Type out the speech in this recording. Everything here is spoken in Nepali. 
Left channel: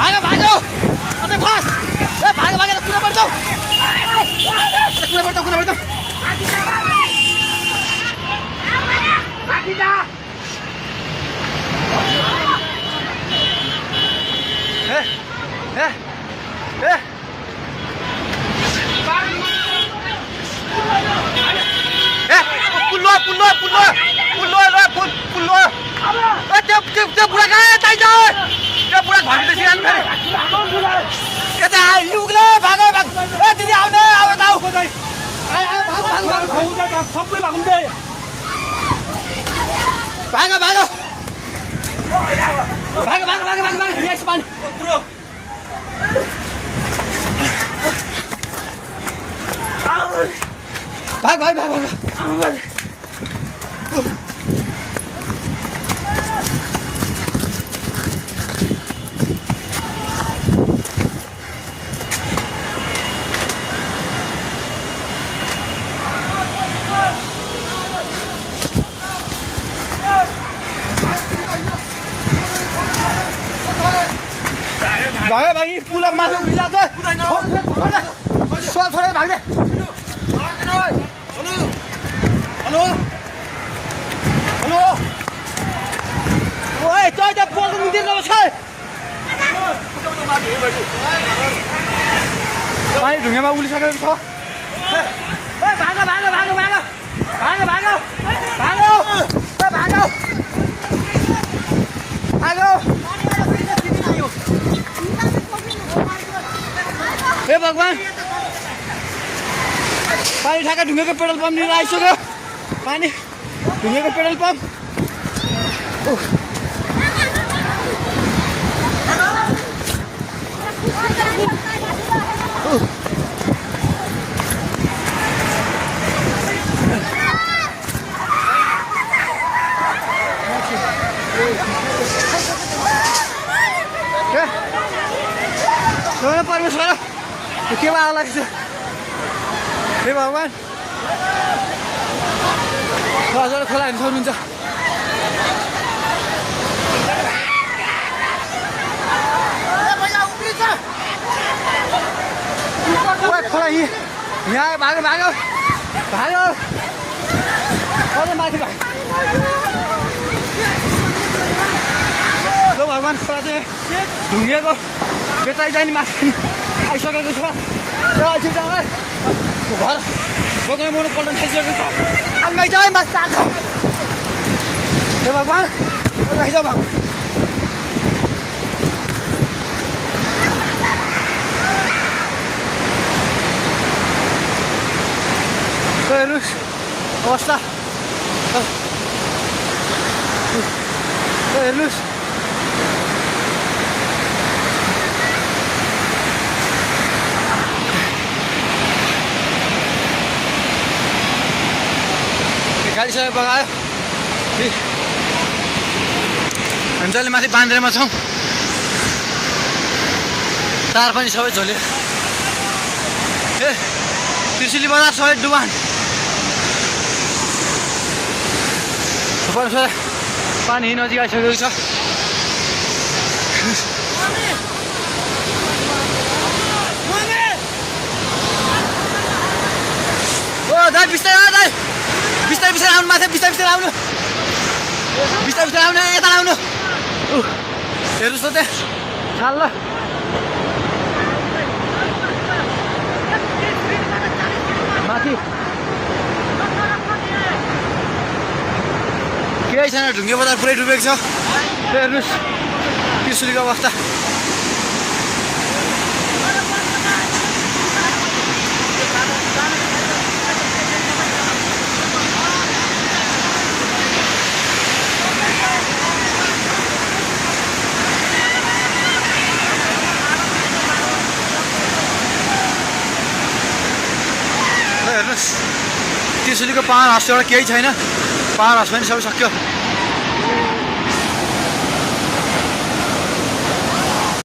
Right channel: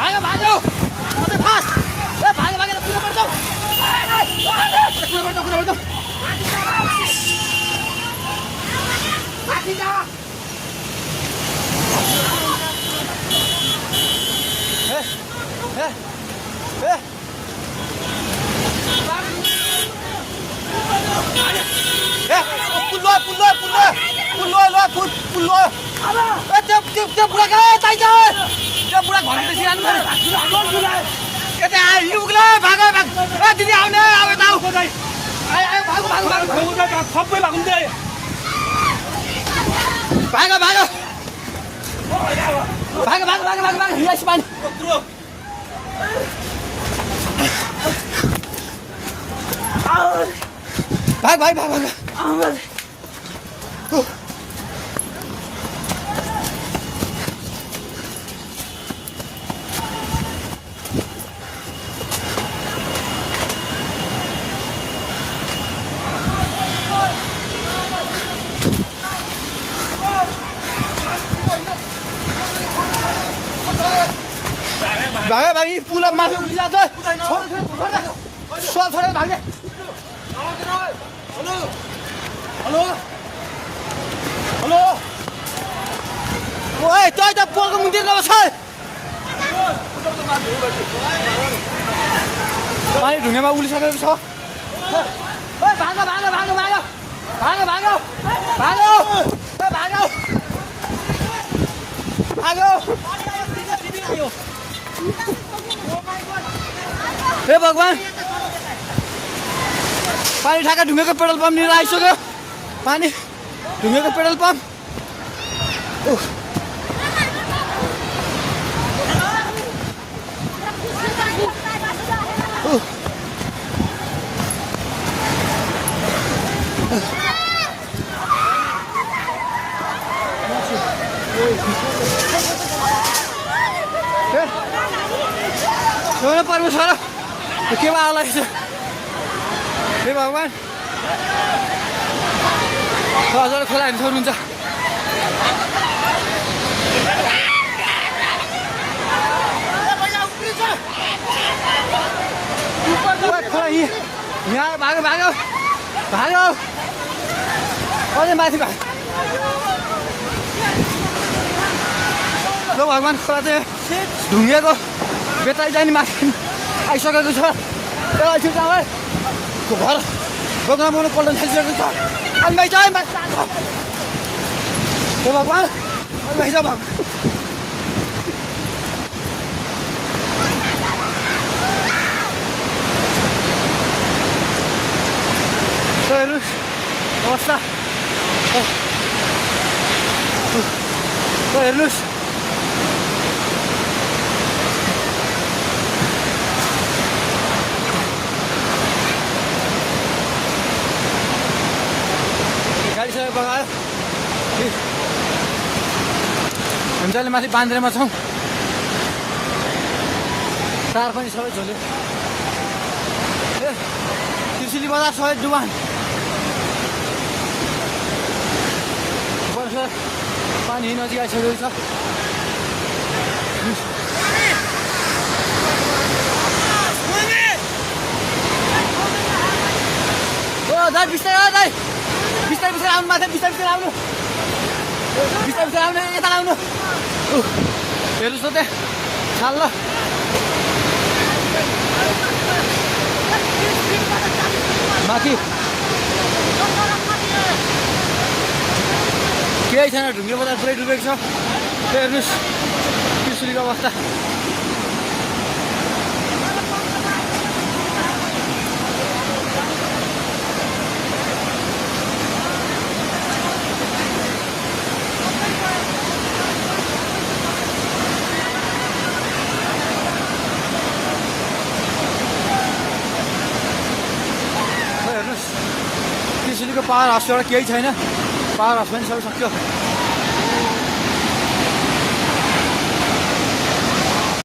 भागो भागो अबे फास ए भागो भागो कुन पर्छ कुन पर्छ आखिदा ए पुल्लो त्यो बुढा कहाँ यतै छ त्यो बुढा घरभित्र सिरानु थाले यता युगले भाग ए दिदी आउने अब ताउ खोदै सबै भाग्दै भाग यस मान भाग भाइ पुला माथि उभिला छ छोरा भाग्ने हेलो ओए तै त पोको मुन्तिर गएको छ पानी ढुङ्गामा उलिसकेको छ ओए भागो हे भगवान पानी ठाका ढुङ्गेको पेट्रोल पम्प लिएर आइसक्यो पानी ढुङ्गेको पेट्रोल पम्प परमेश्वर के आला हे भगवान हजुर खोला हेर्नु सक्नुहुन्छ खोला यहाँ भागो माथि भगवान खोला चाहिँ ढुङ्गेको बेताइ जाने माथि आइसकेको छ घर दोकान बनाउनु पल्ट थालिसकेको छ आइमाइ चाहिँ माथि आएको हे भगवान भगवान हेर्नुहोस् अवस्था हेर्नुहोस् गाडीसँग बगायो हामी जहिले माथि बान्द्रेमा छौँ तार पनि सबै झोल्यो ए त्रिशुली बजार सबै डुबान पानी नजिक आइसकेको छ ओ दाइ बिस्तारै आउनु माथि बिस्तारै आउनु यता आउनु हेर्नुहोस् त त्यहाँ खाल ल माथि केही छैन ढुङ्गे बजार पुरै डुबेको छ हेर्नुहोस् त्रिशुलीको अवस्था हेर्नुहोस् त्रिशुलीको पावर हाउस एउटा केही छैन पावर हाउस पनि सबै सक्यो